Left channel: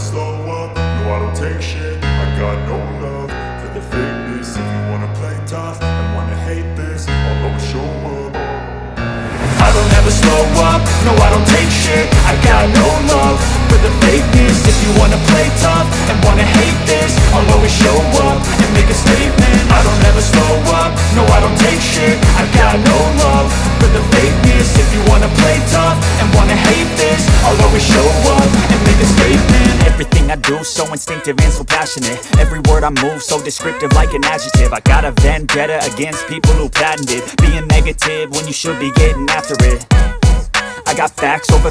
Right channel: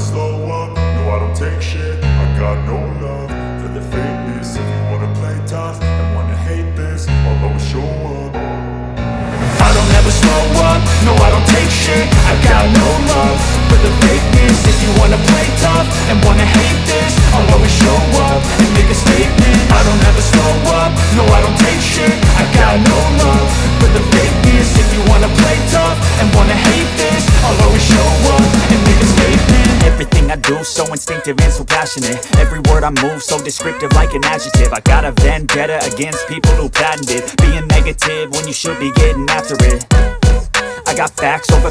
slow up, no I don't take shit. I got no love for the fakeness. If you wanna play tough and wanna hate this, I'll always show up. I don't ever slow up, no I don't take shit. I got no love for the fakeness. If you wanna play tough and wanna hate this, I'll always show up and make a statement. I don't ever slow up, no I don't take shit. I got no love for the fakeness. If you wanna play tough and wanna hate this, I'll always show up and make a statement. Everything I do so instinctive and so passionate. Every word I move so descriptive like an adjective. I got a vendetta against people who patented being negative when you should be getting after it. I got facts over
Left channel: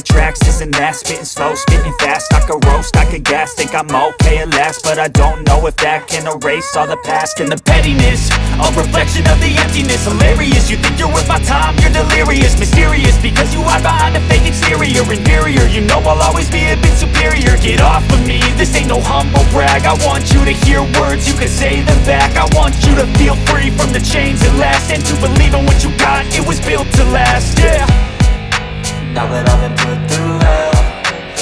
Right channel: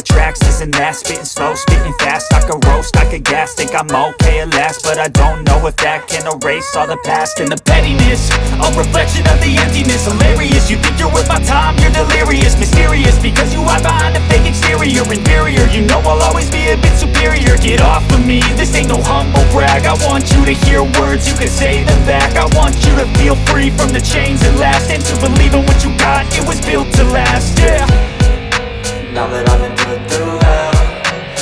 tracks, this and that. Spitting slow, spitting fast. I could roast, I could gas. Think I'm okay at last, but I don't know if that can erase all the past. And the pettiness, a reflection of the emptiness. Hilarious, you think you're worth my time, you're delirious. Mysterious, because you hide behind a fake exterior. Inferior, you know I'll always be a bit superior. Get off of me, this ain't no humble brag. I want you to hear words, you can say them back. I want you to feel free from the chains at last, and to believe in what you got, it was built to last, yeah. Now that I've been put through hell,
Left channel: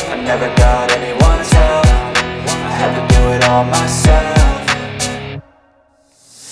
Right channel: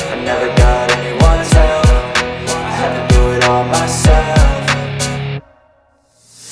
I never got anyone's help. I had to do it all myself.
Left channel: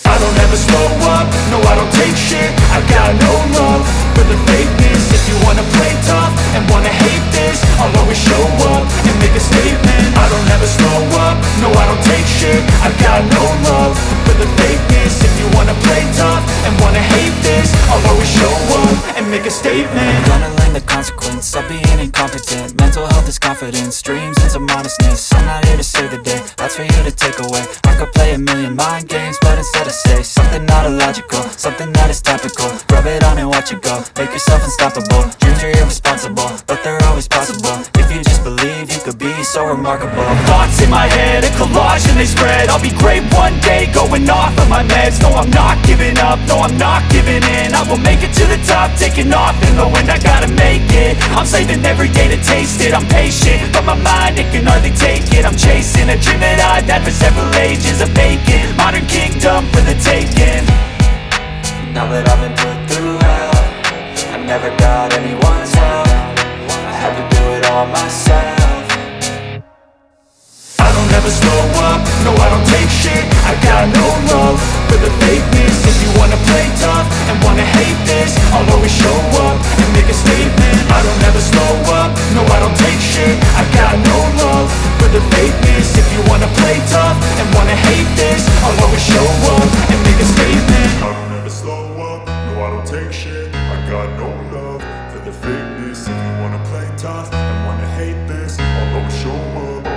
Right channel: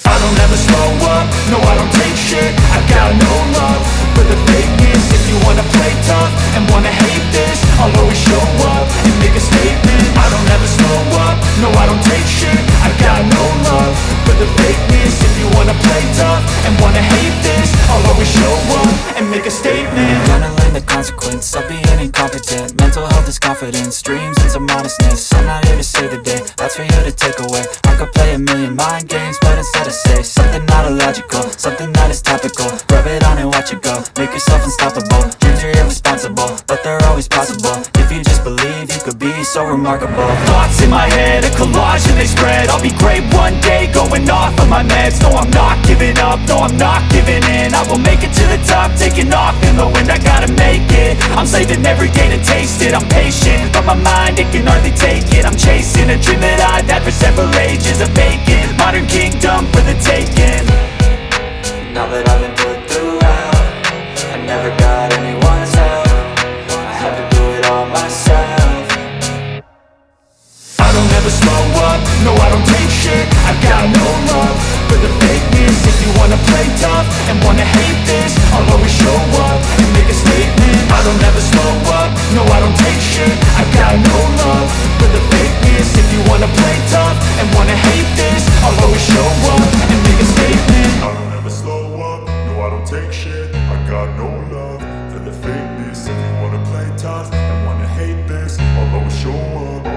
I don't ever slow up, no I don't take shit. I got no love for the fakeness. If you wanna play tough and wanna hate this, I'll always show up and make a statement. I don't ever slow up, no I don't take shit. I got no love for the fakeness. If you wanna play tough and wanna hate this, I'll always show up and make a statement. Gonna learn the consequence of being incompetent. Mental health is confidence, dreams and some modestness. I'm not here to save the day, that's for you to take away. I could play a million mind games, but instead I say something not illogical, something that is topical. Rub it on and watch it go, make yourself unstoppable. Dreams are irresponsible, but they're always possible. If you just believe, you could be so remarkable. Thoughts in my head, a collage and they spread. I'll be great one day, going off of my meds. No, I'm not giving up, no, I'm not giving in. I will make it to the top, taking off in the wind. I gotta make it, I'm saving every day to taste it. I'm patient, but my mind, it can hardly take it. I'm chasing a dream that I've had for several ages. A vacant, modern kingdom for the taking. Now that I've been put through hell, I never got anyone's help. I had to do it all myself. I don't ever slow up, no I don't take shit. I got no love for the fakeness. If you wanna play tough and wanna hate this, I'll always show up and make a statement. I don't ever slow up, no I don't take shit. I got no love for the fakeness. If you wanna play tough and wanna hate this, I'll always show up and make a statement. I don't ever slow up, no I don't take shit. I got no love for the fakeness. If you wanna play tough and wanna hate this, I'll always show up.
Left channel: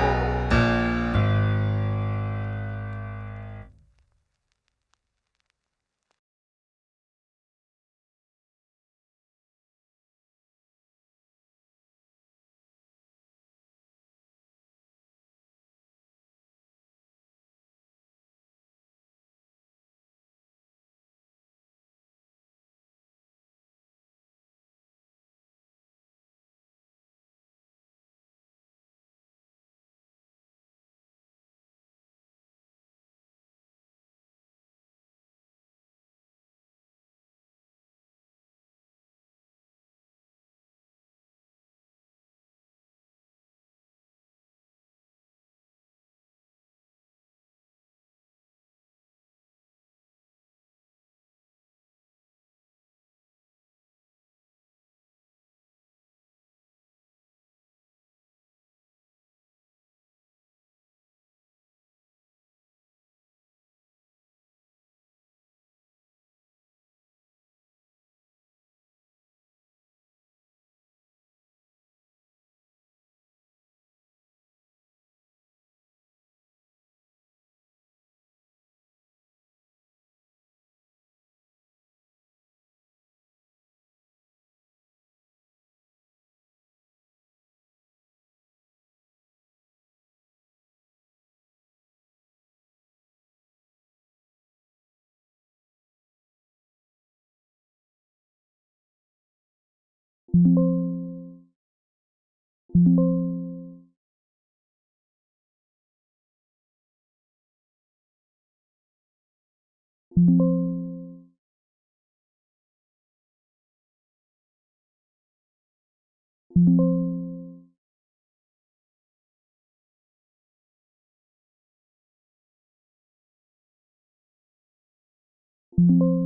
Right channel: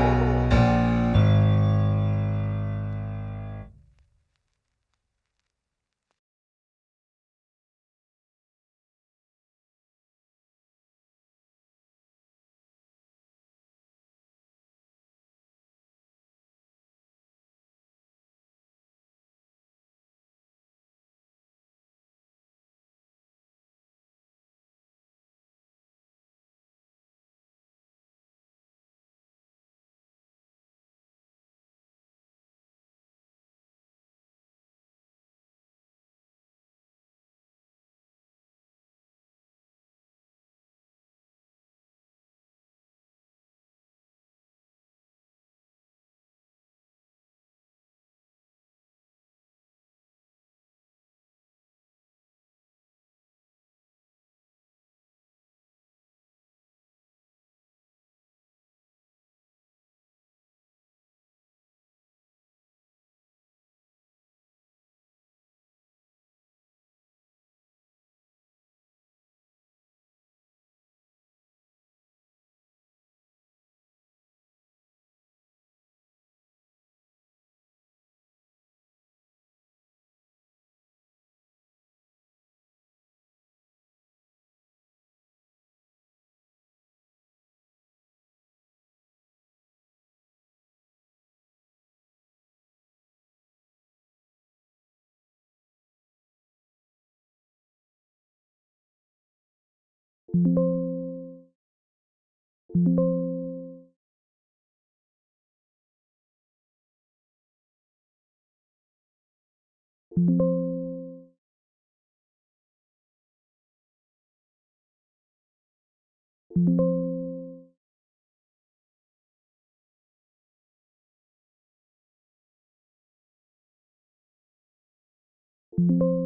You